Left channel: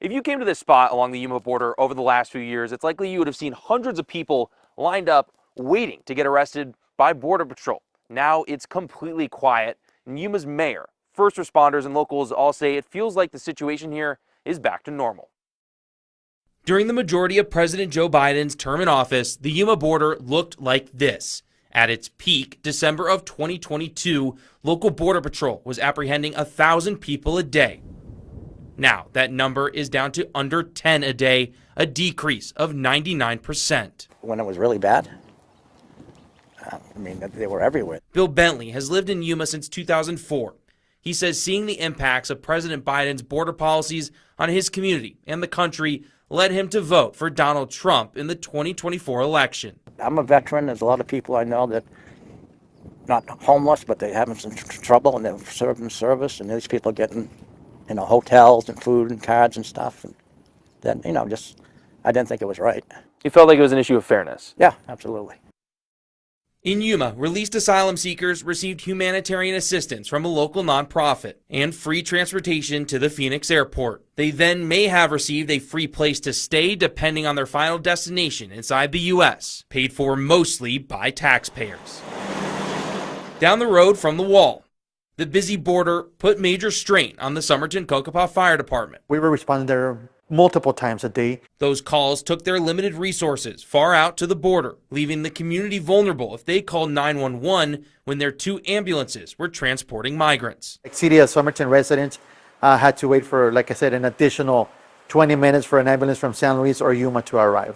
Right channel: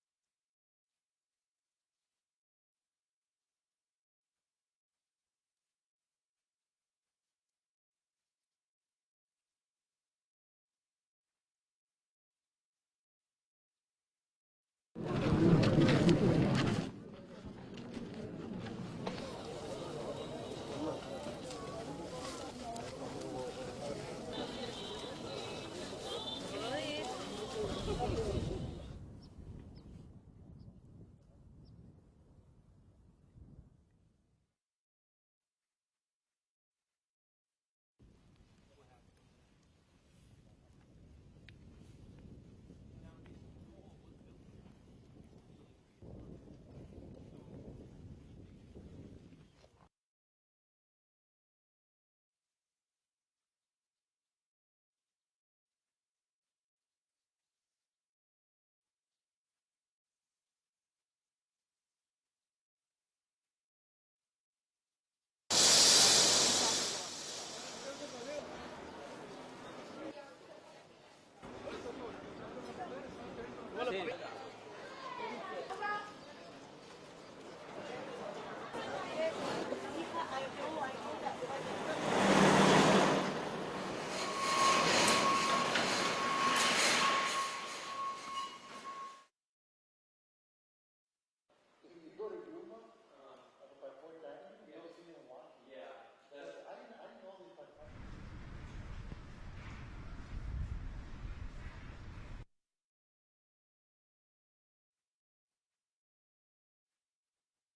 If you came to this spot along the Yuma border over the last few years, it's likely you would have seen hundreds of people lined up waiting to get arrested by Border Patrol. Now it's completely quiet, and Yuma's mayor, first responders, and locals all say it feels like the situation here is back to normal. During the majority of President Joe Biden's term in office, the Yuma border looked like this. At its peak, December of 2022, local Border Patrol was apprehending 1,000 people a day. Now, that number is down to under 10 a day, a decrease of 99%. When it was really bad, they were everywhere. Bill Bentley has lived in Yuma since 2004. He says seeing the impacts of President Biden's border policies on his community and the country led him to vote for Donald Trump in the 2024 election. I'm a veteran. There's a lot of people I know that not homeless, but they're having some trouble and they're serving service, and these people getting, hotels and food and cards and stuff. And then, I didn't think it was right. You felt like it was an issue of fairness? Yeah, absolutely. In Yuma, released asylum seekers received humanitarian assistance from a local nonprofit and free transportation to the Phoenix airport. They then may have received a free place to stay depending on their final destination inside the U.S., paid for mostly by taxpayers. Down the road from the wall, the busy border put major strain on the Somerton-Kokopah Fire Department. We were responding there multiple times a day. Those calls took their limited resources far out to the border, leaving the community vulnerable if they called 911 when their 2 ambulances were transporting migrants. City of Somerton residents had to wait for, like I said, an additional 20 minutes for an ambulance from San Luis or Yuma to arrive.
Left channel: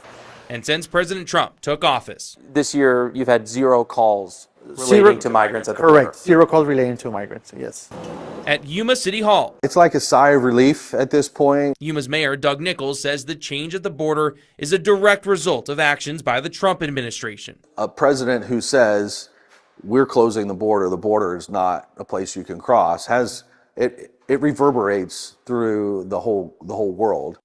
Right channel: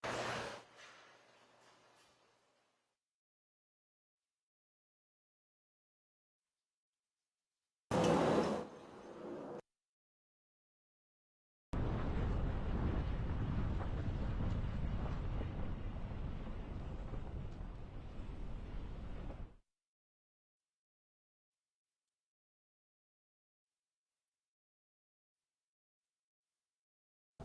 And since President Trump took office, this year you've had 0 calls to migrants at the border. Correct. 0 calls relating to migrants, yes. At Yuma City Hall, it's like a sigh of relief at this point. Yuma's mayor, Doug Nichols, says the change at the border is a direct result of actions by the Trump administration. A president who says, we're closing the border is not a place you can cross, it reverberates through the whole world.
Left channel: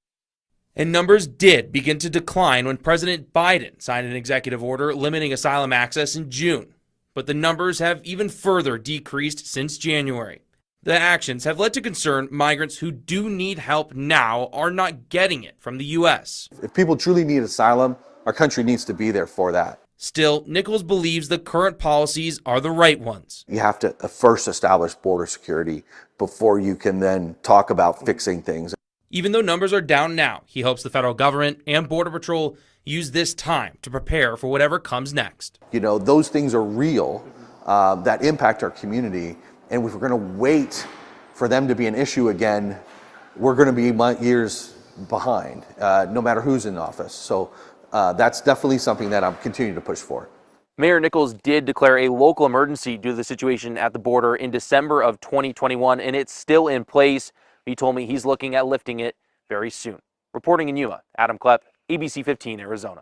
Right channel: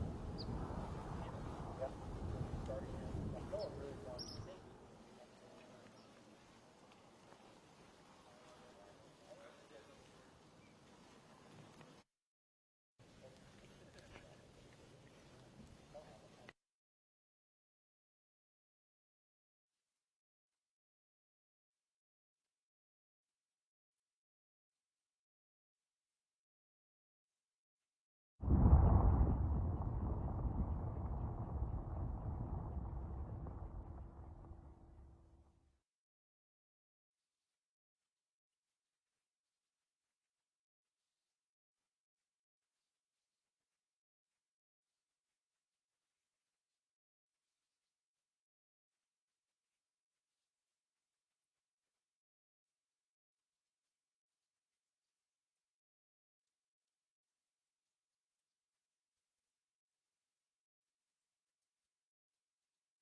And numbers did begin to decline when President Biden signed an executive order limiting asylum access in June. But the numbers have even further decreased since January. The actions have led to concern migrants who do need help now are not getting it from the U.S. If people truly need asylum, our country needs to be there for that. Still, Nichols believes the current policies are the right ones. You have to first establish border security before you can then talk about fixing things. Even though numbers are down now, he hopes the federal government and Border Patrol use this time to prepare for whatever comes next. Those things are real that impact our community. And if we're going to wait for them to be an issue again, we're going to be years behind, no matter who's in office. So that's definitely something that I'm continuing to push for. Mayor Nichols did declare a local emergency due to the situation at the border in December of 2021, and it's still in place. He told me he's looking at lifting it very soon. Reporting in Yuma, Adam Klepp, ABC 15, Arizona.